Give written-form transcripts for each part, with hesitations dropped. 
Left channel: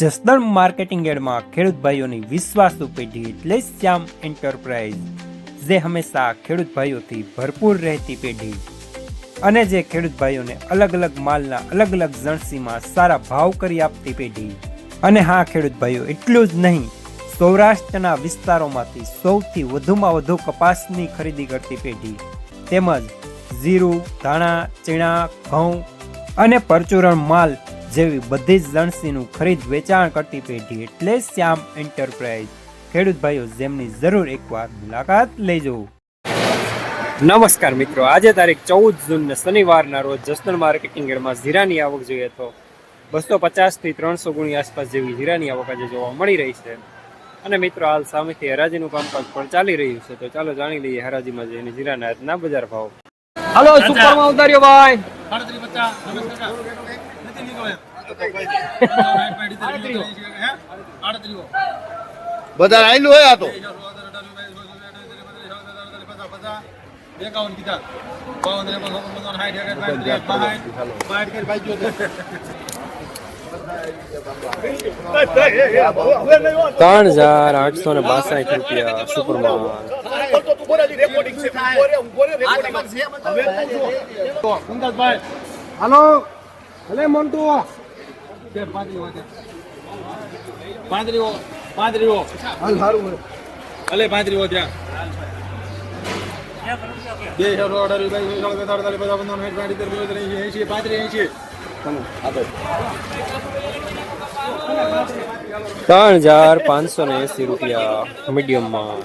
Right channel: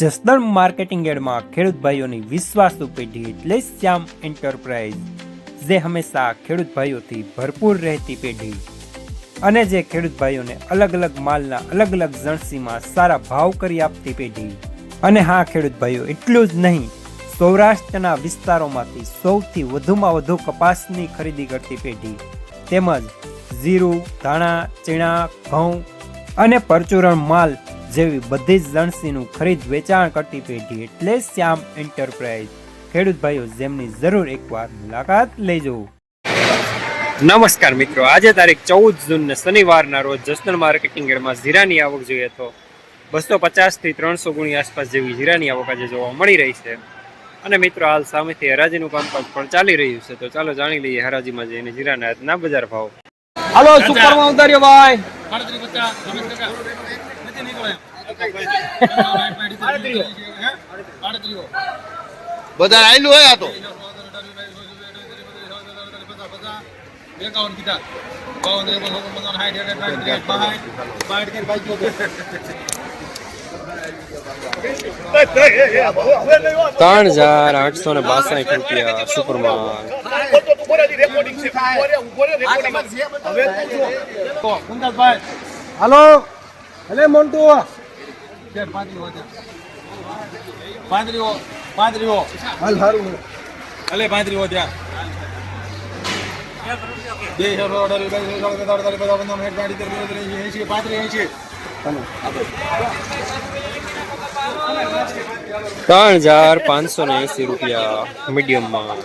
Jasdan marketing યાર્ડમાં ખેડૂત ભાઈઓની વિશ્વાસુ પેઢી એટલે શ્યામ એન્ટરપ્રાઇઝ, જે હંમેશા ખેડૂત ભાઈઓથી ભરપૂર રહેતી પેઢી અને જે ખેડૂત ભાઈઓને અલગ અલગ માલના અલગ અલગ જણસીમાં સારા ભાવ કરી આપતી પેઢી. અને હા ખેડૂત ભાઈઓ, એટલું જ નહીં, સૌરાષ્ટ્રના વિસ્તારોમાંથી સૌથી વધુમાં વધુ કપાસની ખરીદી કરતી પેઢી તેમજ જીરું, ધાણા, ચીણા, ઘઉં અને પરચુરણ માલ જેવી બધી જ જણસીનું ખરીદ વેચાણ કરતી પેઢી એટલે શ્યામ એન્ટરપ્રાઇઝ. ખેડૂત ભાઈઓ, જેમની જરૂર એકવાર મુલાકાત લેજો. નમસ્કાર મિત્રો, આજે તારીખ 14 જૂન ને શનિવારના રોજ જસદણ માર્કેટિંગ યાર્ડમાં જીરાની આવક જોઈએ તો 250 થી 300 ગુણી આસપાસ જેવી જીરાની આવક આજે જોવા મળી રહી છે. અને મિત્રો, હાલ સામેથી હરાજીનું કામકાજ પણ ચાલી રહ્યું છે, તો ચાલો જાણી લઈએ હરાજીમાં જઈને જીરાના આજના બજાર ભાવ. હાલો, સુપરમાં ઉતાર્યો ભાઈ. બધા આયલું હોય આ તો 51 કીધા 3,862 રૂપિયા સુપરમાન. હાલો ભલે મોન્ટુ પાંત્રીઓ હાલ સારું ભલે પાંત્રીઓ ત્યાં 3,580 રૂપિયા મીડિયમમાં.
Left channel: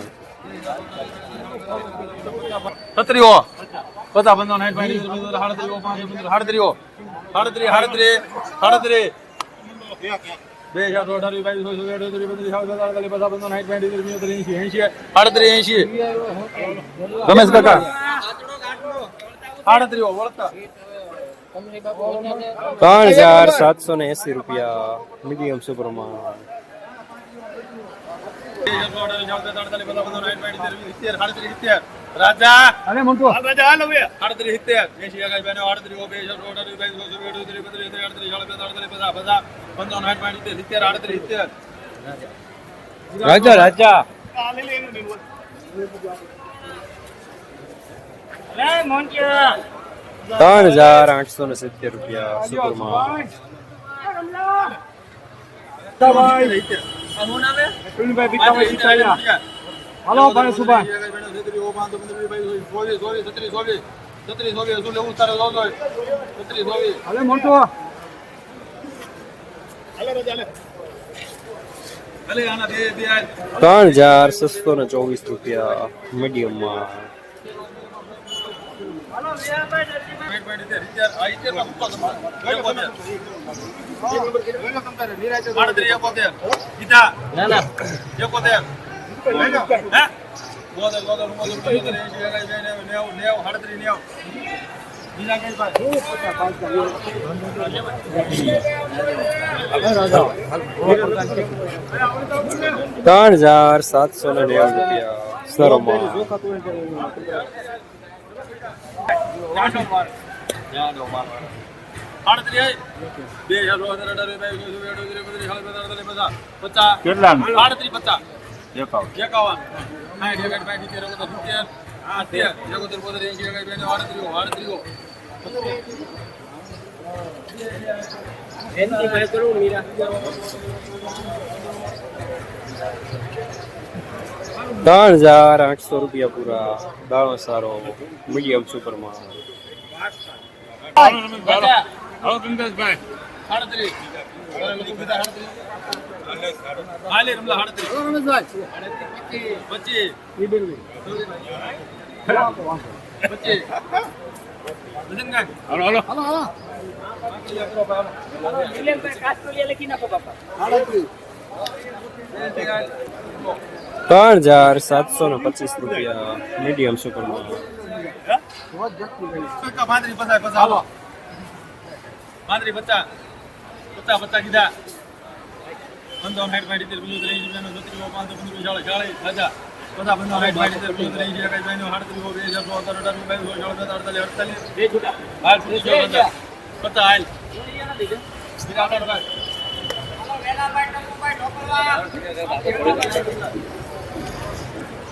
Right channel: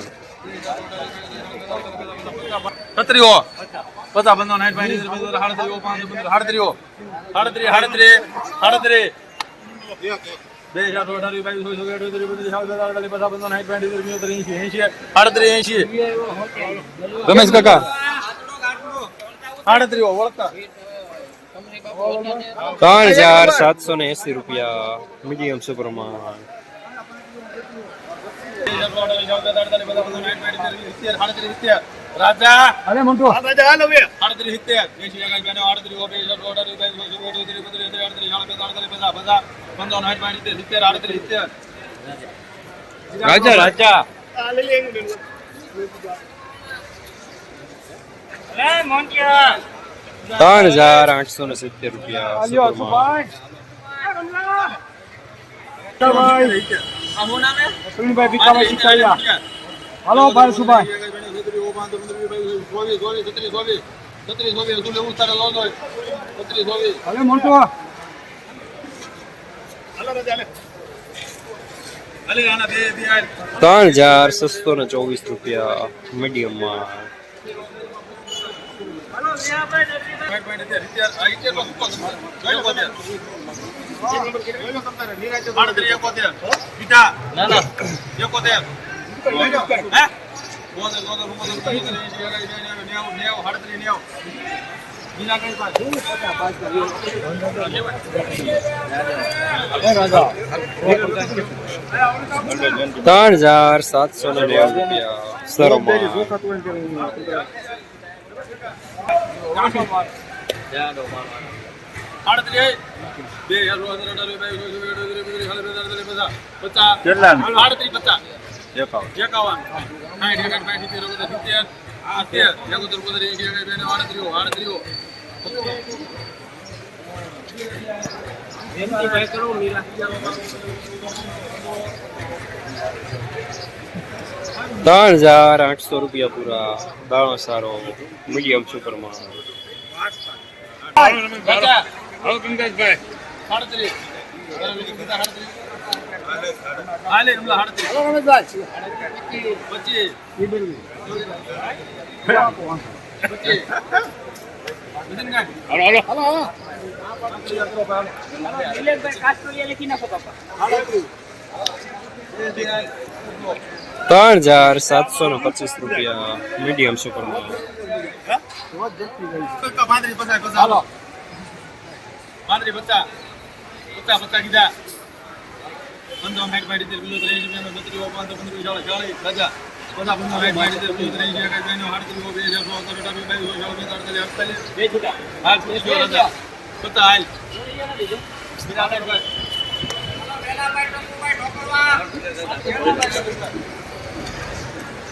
37 50 રમેશ કાકા 3,780 રૂપિયા મીડિયમ સુપરમાન. 38 રાજા અરે મોન્ટુ રાજા હાલ હવે 38 80 આગળ બેનો 38 રાજા રાજા 3,870 રૂપિયા સુપરમાન. હાલો ભાઈ સુભાઈ 3,624 રૂપિયા મીડિયમમાં. 3,790 રૂપિયા સરોમાં. 3,800 રૂપિયા પૂરા. દાણો સારો મીડિયમ સુપરમાં. 3,725 રૂપિયા મીડિયમ સુપરમાં. 50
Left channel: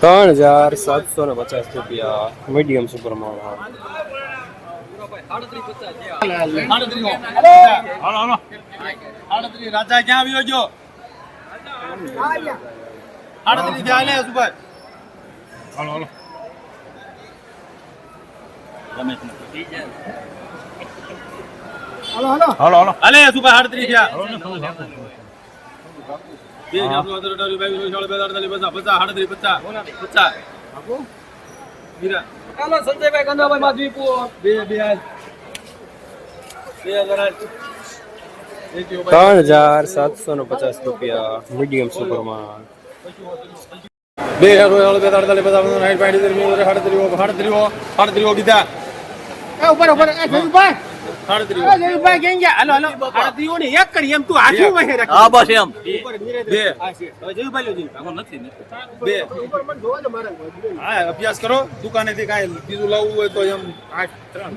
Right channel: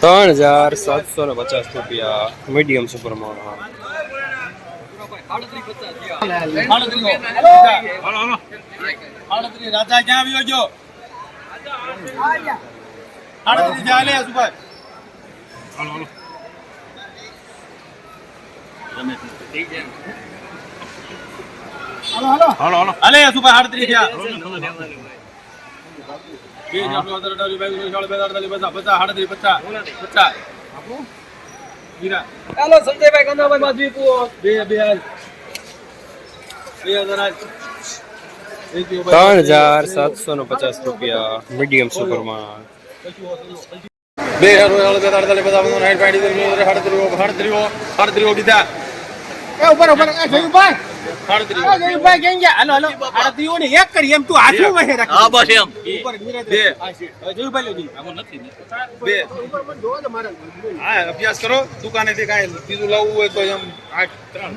₹3,750 મીડિયમ સુપરમાં. રાજા ક્યાં આવ્યો છો? 38 થયા લે સુભાઈ. હાલે સુભાઈ 38 થયા. 50. હાલો સંજયભાઈ કન્નાભાઈ માધવીપુર ₹3,750 મીડિયમ સુપરમાં. 38 અભ્યાસ કરો દુકાને થી કાંઈ બીજું લાવવું હોય તો એમ 8 3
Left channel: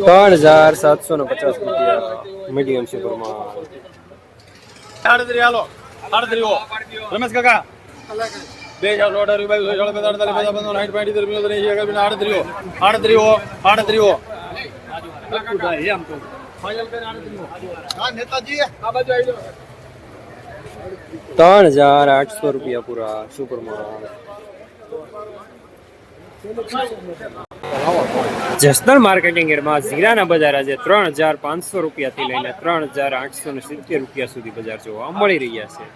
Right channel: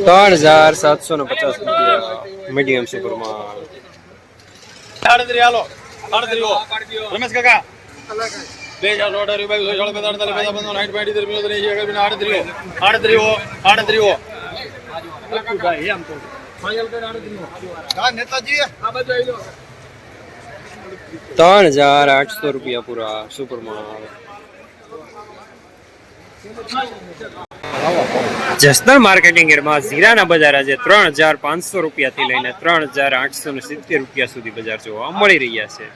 ₹3,750 મીડિયમ સુપરમાં. 38 હાલો 38 રમેશ કાકા 3,800 પૂરા સુપરમાં. જસદણ માર્કેટિંગ યાર્ડમાં જીરાના બજાર આજે ₹3,500 થી લઈને ₹3,870 સુધી બજાર જોવા મળી રહ્યા છે.